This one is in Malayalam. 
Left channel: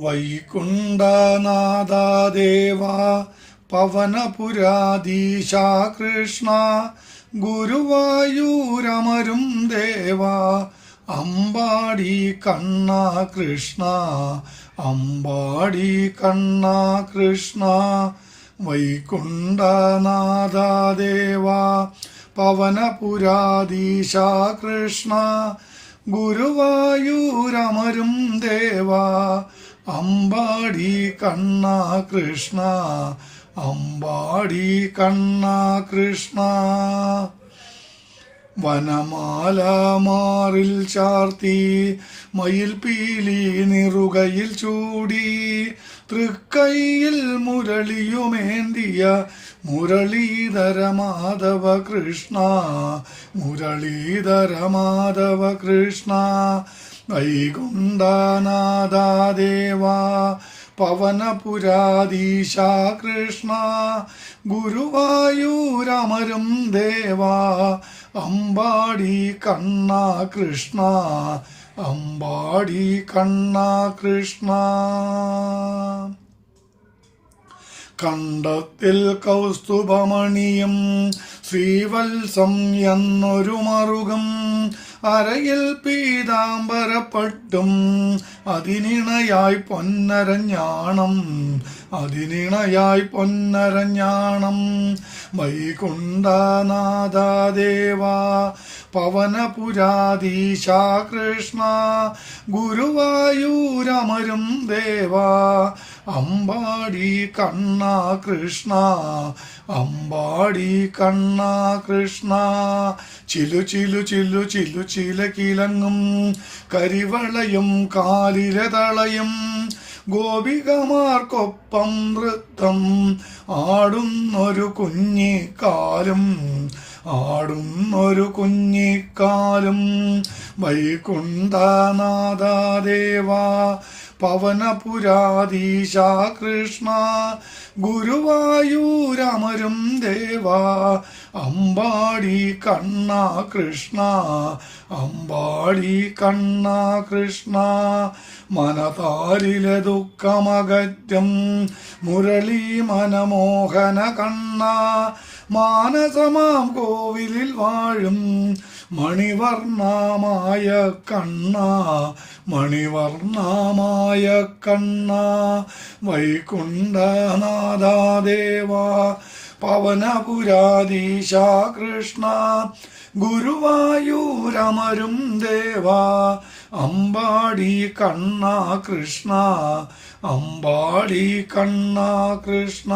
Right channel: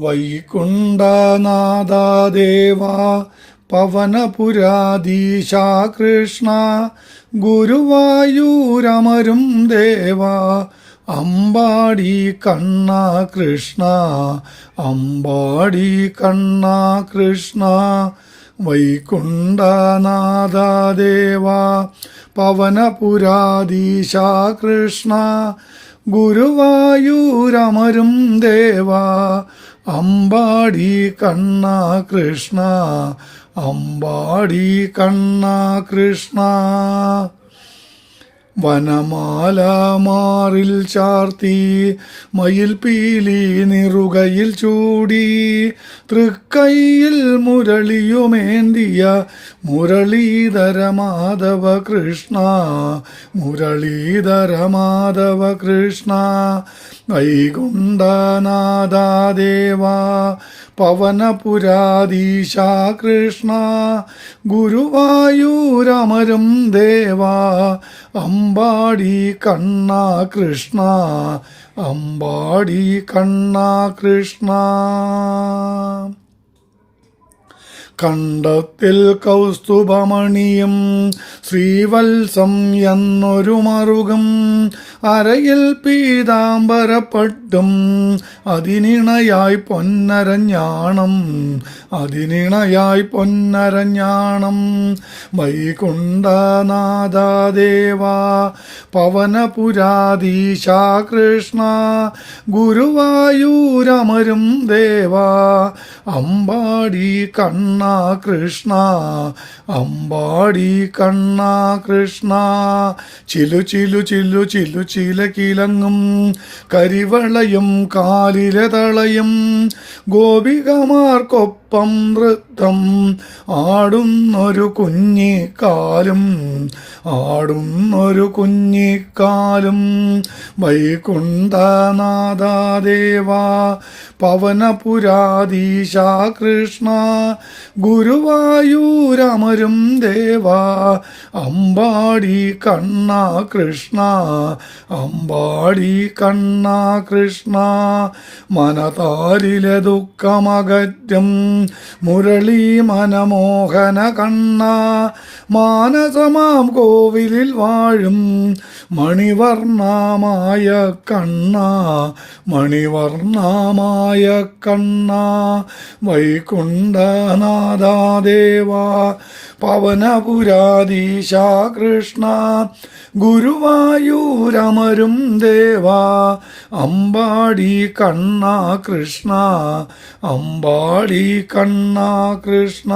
വൈകുണ്ഠനാഥദേവാ പവനപുരാധീശാ കൃഷ്ണ ഗുരുവായൂരമരും ദേവാ അമ്പാടി കണ്ണ കൃഷ്ണ അമ്പാടി കണ്ണ കൃഷ്ണ വൈകുണ്ഠനാഥദേവാ പവനപുരാധീശാ കൃഷ്ണ ഗുരുവായൂരമരും ദേവാ അമ്പാടി കണ്ണ കൃഷ്ണ അമ്പാടി കണ്ണ കൃഷ്ണ വനമാല മാറിൽ ചാർത്തി മയിൽ പീലി നിറുകയിൽ ചൂടി തൃക്കൈയിൽ മുരളിയുമേന്തിയ മുരളീധര മാധവ കൃഷ്ണ മുരളീധര മാധവ കൃഷ്ണ വൈകുണ്ഠനാഥദേവാ പവനപുരാധീശാ കൃഷ്ണ ഗുരുവായൂരമരും ദേവാ അമ്പാടി കണ്ണ കൃഷ്ണ അമ്പാടി കണ്ണ കൃഷ്ണ കണ്ടത്തിൽ കൗസ്തുഭമണിയും ശ്രീവത്സം എന്നൊരു മറുകം അരയിൽ പീതാംബരപ്പട്ടും അതിനിണയായി പൊന്നരഞ്ഞാണം അതിനിണയായി പൊന്നരഞ്ഞാണം വൈകുണ്ഠനാഥദേവാ പവനപുരാധീശാ കൃഷ്ണ ഗുരുവായൂരമരും ദേവാ അമ്പാടി കണ്ണ കൃഷ്ണ അമ്പാടി കണ്ണ കൃഷ്ണ ചിലു ചിലു ചിലു ചിലു ചിലകിലങ്ങും കരിവളയും കാലിലെ തളയും ഗോപികമാർക്കൊപ്പം നൃത്തം ആടുന്നൊരു കുഞ്ഞിക്കാലും ആടുന്നൊരു കുഞ്ഞിക്കാലും വൈകുണ്ഠനാഥദേവാ പവനപുരാധീശാ കൃഷ്ണ ഗുരുവായൂരമരും ദേവാ അമ്പാടി കണ്ണ കൃഷ്ണ അമ്പാടി കണ്ണ കൃഷ്ണ മനതാരിലെ ദുഃഖമകറ്റും മുരളി മനമോഹന കണ്ണ മാനസമാം കോവിലിൽ വാഴും മണിവർണ്ണമായ കണ്ണ മണിവർണ്ണമായ കണ്ണ വൈകുണ്ഠനാഥദേവാ പവനപുരാധീശാ കൃഷ്ണ ഗുരുവായൂരമരും ദേവാ അമ്പാടി കണ്ണ കൃഷ്ണ അമ്പാടി കണ്ണ കൃഷ്ണ